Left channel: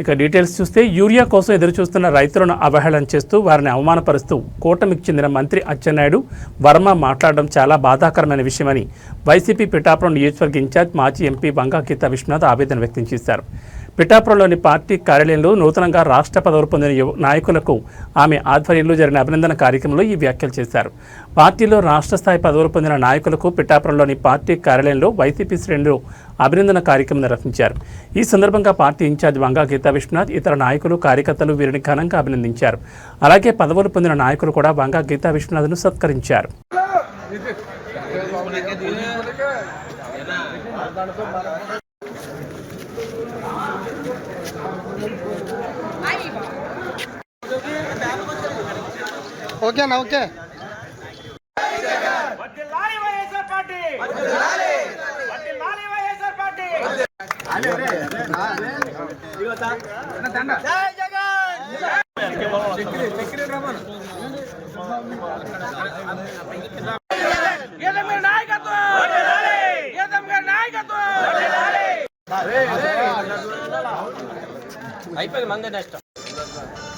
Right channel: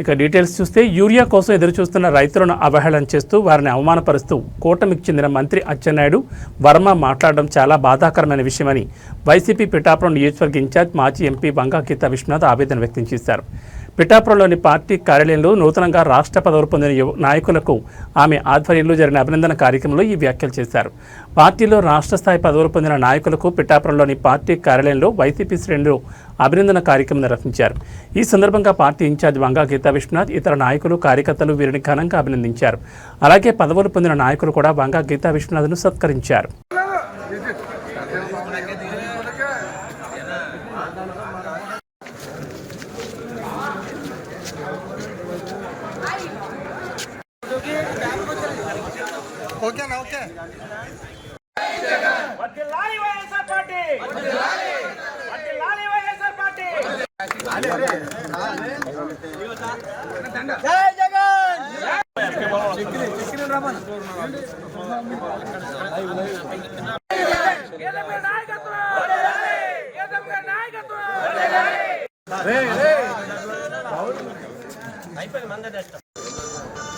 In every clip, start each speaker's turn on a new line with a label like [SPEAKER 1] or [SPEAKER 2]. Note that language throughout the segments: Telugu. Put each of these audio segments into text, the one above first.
[SPEAKER 1] ఇక డీటెయిల్స్ చూస్తే యూరియా కోసం ఎదురు చూస్తున్న రైతులను అవహేళన చేస్తూ వారిని అవమానపరుస్తూ కూటమికి చెందిన మంత్రి అచ్చెన్నాయుడు వర్మ మాట్లాడడం చాలా బాధాకరమైన విషయమని వైసీపీ పిఠాపురం నియోజకవర్గ ఇన్ఛార్జ్ మాజీ ఎంపీ వంగా గీతా విశ్వనాథ్ ఆవేదన వ్యక్తం చేశారు. పిఠాపురంలోని పార్టీ కార్యాలయంలో నూతనంగా రాష్ట్ర పదవులు పొందిన నాయకులకు ఆమె ఆధ్వర్యంలో జరిగిన అభినందన కార్యక్రమంలో ఈ వ్యాఖ్యలు చేశారు. పార్టీలో రాష్ట్ర స్థాయి పదవులు పొందిన నాయకులకు పిఠాపురంలోని పార్టీ కార్యాలయంలో వైసీపీ శ్రేణులు అభినందన కార్యక్రమం నిర్వహించారు. ఈ సందర్భంగా పార్టీ ఇన్ఛార్జ్ వంగా గీతా విశ్వనాథ్ ఇతర నాయకులు కార్యకర్తలు వీరిని ఘనంగా అభినందించారు. అలాగే పదవులు పొందిన నాయకులు కూడా వంగా గీతా విశ్వనాథ్ను సత్కరించారు.
[SPEAKER 2] ఓకేనా ఓకే.
[SPEAKER 3] అయిపోయింది మంగ పార్టీ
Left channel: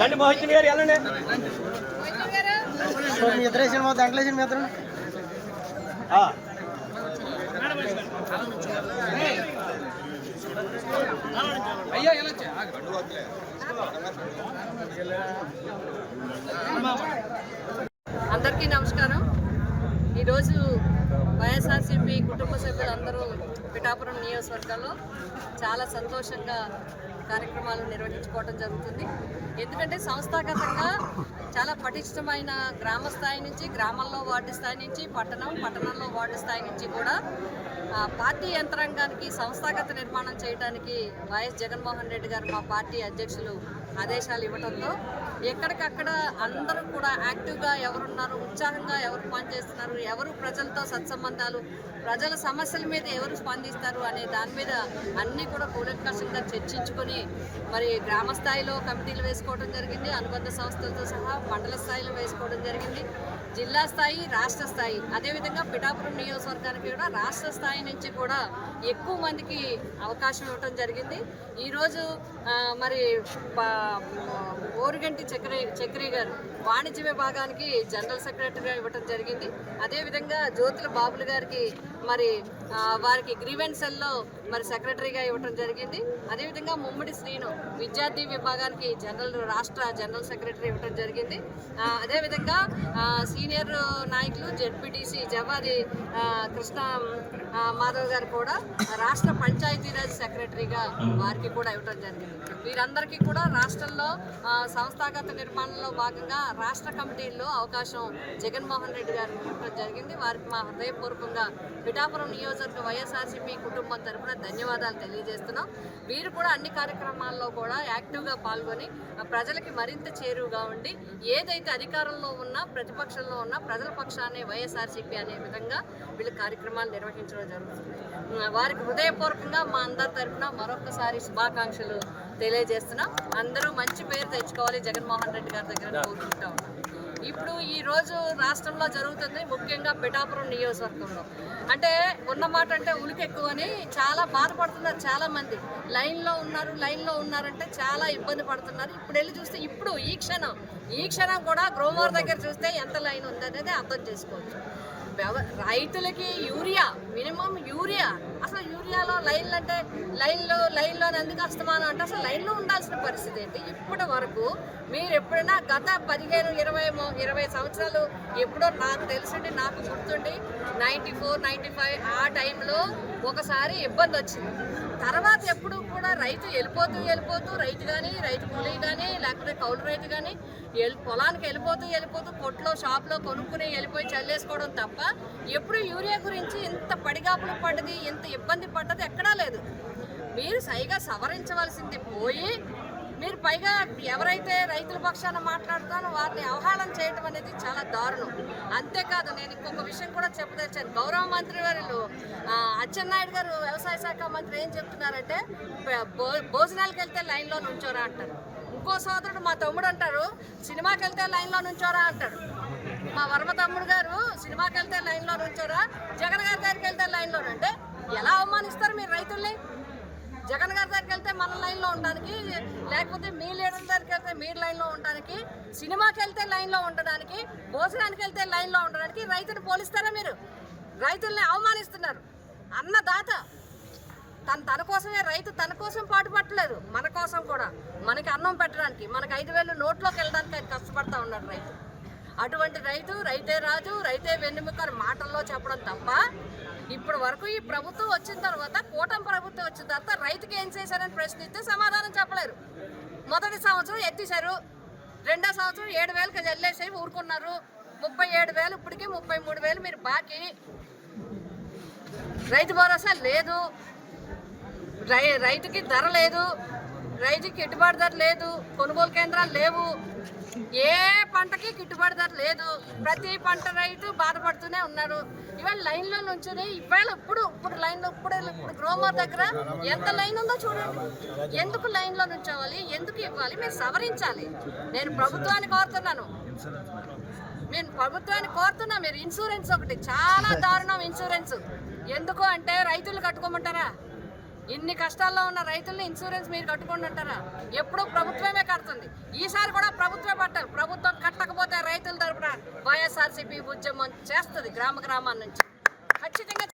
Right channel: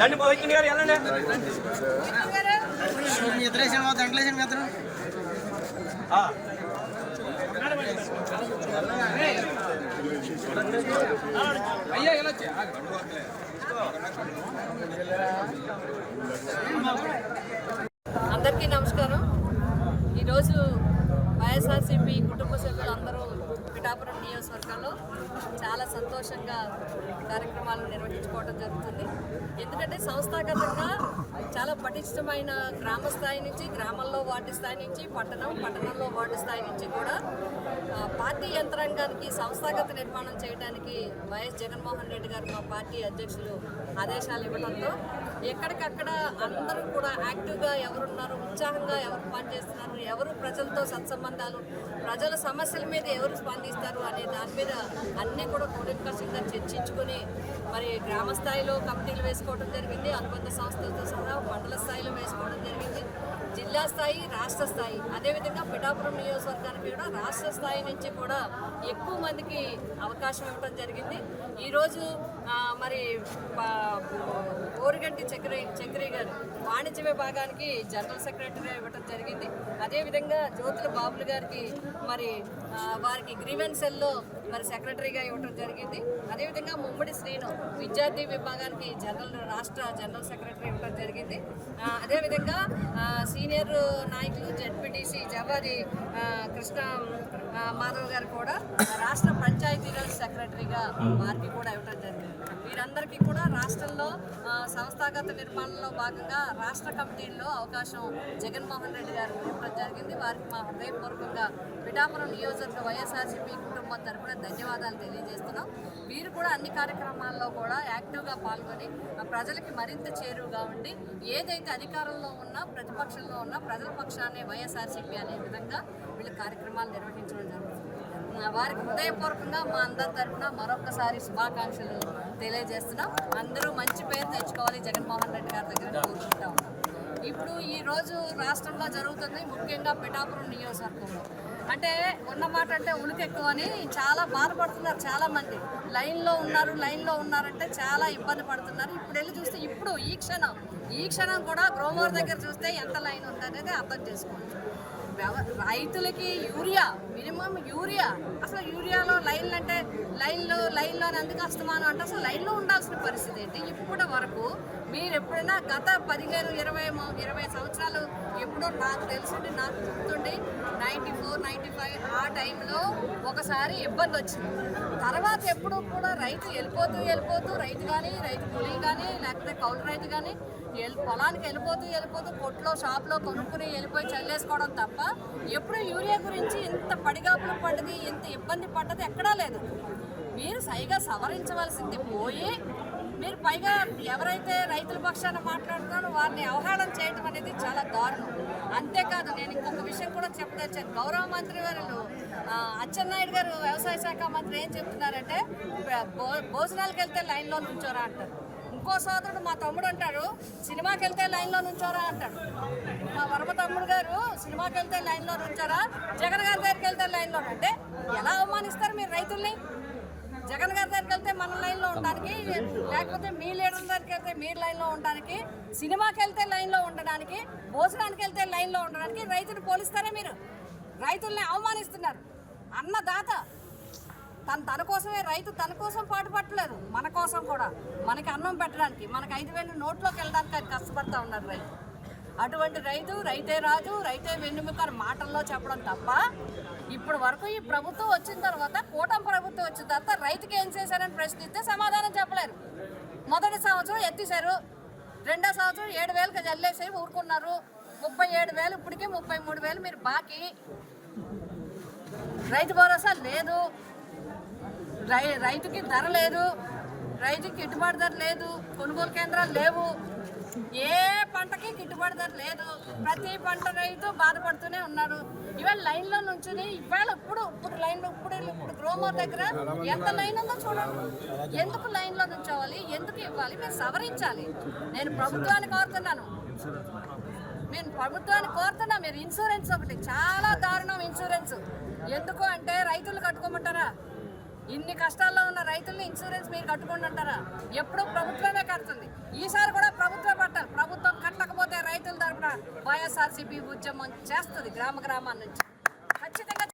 [SPEAKER 3] దండి మోహిత్ గారు వెళ్ళండి.
[SPEAKER 2] మీ ఇద్దరు వేసిన మా దాంట్లో వేసిన మీ ఇద్దరు
[SPEAKER 4] అందరికీ నమస్కారం. ఈరోజు వైఎస్ఆర్సీపీ కుటుంబ సభ్యులందరూ పిఠాపురం నియోజకవర్గంలో చాలా సంతోషంగా కార్యక్రమాలు నిర్వహించుకోవడం జరుగుతుంది. ఎందుకంటే సంస్థాగతంగా చాలా పటిష్టమైన గ్రామ స్థాయి నుంచి గ్రామంలో వార్డు స్థాయి నుంచి పట్టణం పట్టణంలో వార్డు స్థాయి నుంచి కూడా పార్టీ యంత్రాంగానికి సంస్థాగత నిర్మాణం చేయడానికి వైఎస్ జగన్మోహన్ రెడ్డి గారు మా పార్టీ అధ్యక్షులు ఆదేశాలు ఇవ్వడంతో ఎక్కడికక్కడ అందరూ కూడా యాక్టివ్గా ఎవరున్నారు ఉత్సాహంగా ఎవరు పనిచేస్తున్నారు ఎవరు ప్రజలతో సత్సంబంధాలు ప్రజల సమస్యల మీద ఎవరు స్పందిస్తారు అనే దాని మీద అన్నీ కూడా కూలంకషంగా చర్చించుకొని మరి గ్రామ స్థాయిలో కమిటీలు వేసుకోవడం జరిగింది అనుబంధ సంస్థలతో సహా మండల స్థాయిలో వేసుకోవడం జరిగింది. జిల్లా స్థాయి రాష్ట్ర స్థాయి. అదేవిధంగా పిఠాపురం నియోజకవర్గానికి కూడా రాష్ట్ర స్థాయి నుంచి కూడా ఎక్కువ మందికి అవకాశం ఇవ్వడం జరిగింది. ఈరోజు మరి ఓరిగంటి చక్రి చక్రి గారు వాణిజ్య విభాగానికి జనరల్ సెక్రటరీగా ఇవ్వడం జరిగింది. అదేవిధంగా జ్యోతుల బాబులు గారికి మరి వారికి గ్రీవెన్సెల్లో మరి సెక్రటరీగా ఇవ్వడం జరిగింది. అదేవిధంగా ముమ్మడి శ్రీను విద్యార్థి విభాగానికి జనరల్ రాష్ట్ర జనరల్ సెక్రటరీ ఇవ్వడం జరిగింది. అదేవిధంగా సీనియర్ నాయకులు జెడ్పీటీసీ జవాది కృష్ణ మాధవ్ గారు కూడా రాష్ట్ర పంచాయతీరాజ్ సెక్రటరీగా వారికి కూడా ఇవ్వడం జరిగింది. వీరందరికీ కూడా రాష్ట్రంలో సంస్థాగత నిర్మాణంలో భాగంగా రాష్ట్ర కమిటీల్లో అవకాశం జగన్మోహన్ రెడ్డి గారు ఇవ్వడం జరిగింది. వారికి మా హృదయపూర్వకంగా పిఠాపురం నియోజకవర్గ వైఎస్ఆర్సీపీ కుటుంబం తరపున ధన్యవాదాలు తెలియజేస్తున్నాం. వీరు కూడా అన్ని కార్యక్రమాల్లో కూడా యాక్టివ్గా పాల్గొని ప్రజలకి మరింత చేరువుగా ఉండి ఏదైతే అధికారంలో ఉన్నా ప్రతిపక్షంలో ఉన్నా ప్రజల పక్షాన్ని వైఎస్ఆర్సీపీ అనే విధంగా వీళ్ళు కార్యక్రమాలు నిర్వహించడం జరుగుతుంది. వారికి హృదయపూర్వకంగా మా అందరి తరపున మరొకసారి శుభాకాంక్షలు తెలియజేస్తున్నాం. అందరూ మంచి పేరు తెచ్చుకోవాలి జగన్మోహన్ రెడ్డి గారి దగ్గర కోరుకుంటా ఉన్నాం. ఇప్పుడు ఈరోజు రాష్ట్రంలో జరుగుతుంది ముఖ్యంగా పిఠాపురం నియోజకవర్గంలో. అంటే ఉన్నమాట అంటే ఉలికి ఎక్కువ అని చాలా బాధపడుతున్నారు చాలా మంది లైన్లో ఉన్నారు లైన్లో ఉన్నారంటే చాలా ఇబ్బంది పడుతున్నారు. ఇప్పుడు వెళ్ళి చూస్తే ఇప్పుడు ఈ క్షణం ఈ క్షణం కూడా గ్రోమోర్ దగ్గర చూస్తే ఎంత లైన్ ఉందనేది అర్థం చేసుకోవచ్చు. రైతులకి యూరియా మినిమం యూరియా. అసలు యూరియాలో లైన్లు అంటే లైన్లో లైన్లో ఎందుకు అస్తమానం అంటే అసలు లైన్లో ఉండాల్సిన పరిస్థితి ఏంటి? ఇప్పటి వరకు మీరు ఎప్పుడైనా గత పదిహేను ఇరవై ఇరవై సంవత్సరాలు ఎప్పుడో నాకు తెలిసింది నాకు గుర్తుండి నైంటీ ఫోర్ నైంటీ ఫైవ్ ఆ టైంలో ఒకసారి ఇబ్బంది వచ్చింది. తర్వాత ఎప్పుడు కూడా రైతు వెళ్ళిపోతూ వెళ్ళిపోతూ రైతు కానీ రైతు కూలీ కానీ లేకపోతే కౌలు రైతు కానీ పొలానికి వెళ్ళిపోతూ వెళ్ళిపోతూ కొట్లో షాప్లో కొనుక్కుని వెళ్ళిపోయి చల్లేసుకోవడం తప్ప ఎప్పుడు యూరియా గురించి ఇంత పడిగాపులు పడ్డది ఇంత ఇబ్బంది పడ్డది ఎక్కడా లేదు. మీరు సైగా సవరించవలసింది పోయి మీరు పైగా ఎవరైతే రైతుల పక్షాన మాట్లాడుతారో వారిని అవహేళన చేయడం అనేది చాలా దారుణం. అంతేకాదు నేను ఇంకొక విషయం కూడా చెప్పదలిచాను. గౌరవ మంత్రి వారు అచ్చెన్నాయుడు గారు వ్యవసాయ శాఖ మంత్రి ఏం చెప్తున్నారంటే భోజనాలకు వెళ్తే లైన్లో నుంచోరా అంటారు. ఇంకో సోదరుడు మా తమ్ముడు అంటారు సినిమాకి వెళ్తే లైన్లో నుంచోరా అంటారు. మా వర్మ తమ్ముడు గారు సినిమాకి వెళ్తే లైన్లో నుంచారా జగన్ గారి దగ్గరికి వెళ్తే లైన్లో అంటే ఎలా అవమానిస్తారు మీరు రైతుల్ని? జగన్ గారి దగ్గరికి వెళ్తే మన లైన్లో ఉండడానికి లేకపోతే మీ లీడర్ దగ్గరికి వెళ్తే మీ లైన్లో ఉండడానికి సినిమాకి వెళ్తే లైన్లో ఉండడానికి భోజనానికి వెళ్తే లైన్లో ఉండడానికి రైతుని పోలిస్తారా మీరు? రైతుల్ని అవమానిస్తున్నారు. అన్నదాత తను తన కోసమే రైతు తన కోసం పాటుపట్టలేదు మన కోసం కూడా. మనకి అన్నం పెట్టడానికి మనకి ఐదు వేలు నోట్లోకి వెళ్ళడానికి ఆయన కష్టపడతా ఉన్నాడు రైతు. అటువంటి రైతు రైతే రాజు రైతే వెన్నుముక మాటల్లో చెప్పడం తప్ప ఇప్పుడు వరకు ఈ ప్రభుత్వం వచ్చిన తర్వాత కూటమి ప్రభుత్వం వచ్చిన తర్వాత రైతుకి ఏం చేశారని ప్రశ్నిస్తే సమాధానం చెప్పలేరు. మొదటి సంవత్సరం ఎత్తేశారు. రెండో సంవత్సరం ఏడు వేలకు జల్లేసి ఊరుకున్నారు. ముప్పై ఏడు వేలు ఇప్పటికే ముప్పై మూడు వేలు మీరు బాకీ. రైతు భరోసా లేదు. రై రైతుకి ధర లేదు. రైతుకి గిట్టుబాటు ధర లేదు కొనుగోలు కేంద్రాలు లేవు. ఏ పంటకి గిట్టుబాటు ధర లేదు. ప్రతి పంట రైతు బాధపడుతూనే ఉన్నారు ఇవాళ లైన్లో నుంచుని ఇవాళ ఇప్పుడు ఇప్పుడు లైన్లో ఇప్పుడు ఇప్పుడు గ్రోమర్ దగ్గర ఎంత లైన్ ఉందో చూడండి. ఎందుకు లైన్లో నుంచోవాలి? ఎందుకు ఇవ్వాలి? మీరు సవరించాలి. నేను ప్రభుత్వాన్ని కోరుతున్నాను. నేను ప్రభుత్వాన్ని కోరుతున్నా. మీరు ఇన్సూరెన్స్ ఒకటి. చాలా దారుణం ఇన్సూరెన్స్ ఎందుకు అంటే రైతులు కట్టుకోమంటారా? ఇన్ని కష్టాల్లో ఉన్న రైతుల్ని ఇన్సూరెన్స్ మీరు కట్టుకోండి అంటారా? ఎప్పుడు ప్రభుత్వమే కడుతుంది. ఈసారి కూడా ప్రభుత్వమే పట్టాలి ప్రభుత్వం కట్టకపోతే రైతుల తరపున వైఎస్ఆర్సీపీ ఉద్యమం చేస్తుంది గ్రామ గ్రామాల నుంచి. ఖచ్చితంగా